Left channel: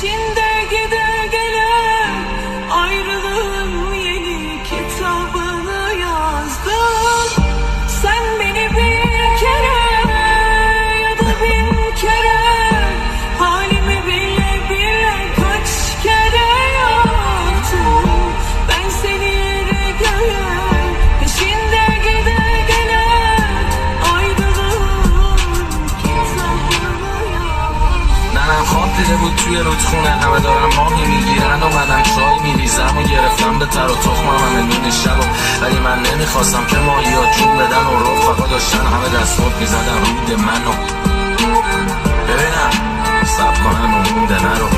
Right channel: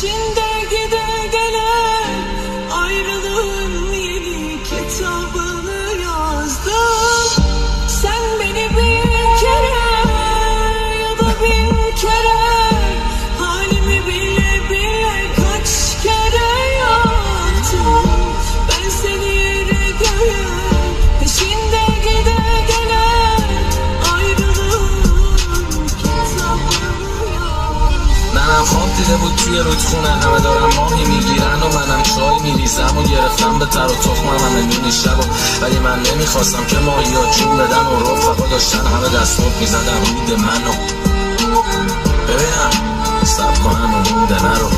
Peşinde gide gele ayrılığın yeni kitabını yazdım. Sen beni bir kere ya da bin kere halimi bile bile kaç kere yaktım. Ben seni yere göğe peşinde gide gele ayrılığın kitabını yazdım. منم خواب دیده بود توی رودخونه همه دارن ماهی میگیرن و منم چای میریزم و گرفتم به تر و تخمم همه نون شب ولی من نمیخواستم که ماهی ها جون بدن و رفقا داشتن همه دست خود میزدن رود منو ببینم سب کنم و مونده نرو